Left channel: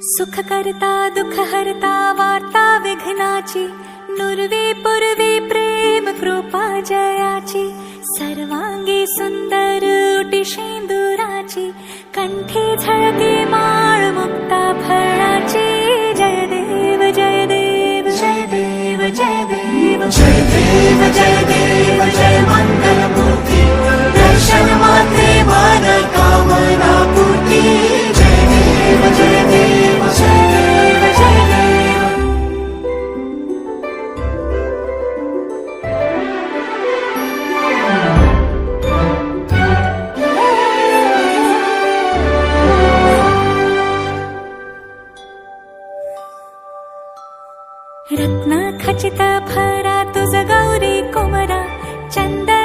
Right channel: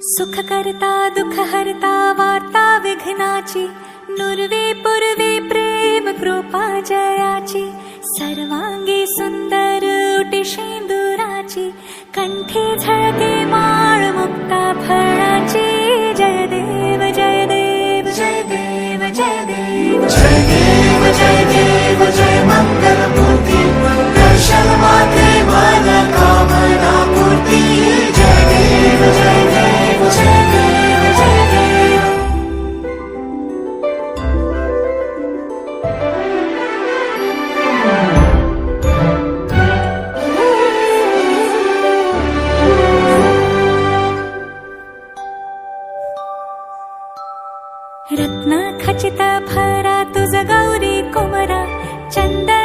सुख करता दुख हरता वार्ता विघ्नाची, नुरवी पुरवी प्रेम कृपा जयाची, सर्वांगी सुंदर उटी शेंदुराची, कंठी झळके माळ मुक्ता फळाची. जय देव जय देव जय देव जय देव जय देव जय देव जय मंगल मूर्ती, दर्शन मात्रे मन कामना पूर्ती. जय देव जय देव जय देव जय देव. रत्न खचित भरा तुझ गौरी कुमरा, चंदन